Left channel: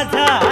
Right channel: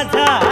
Radha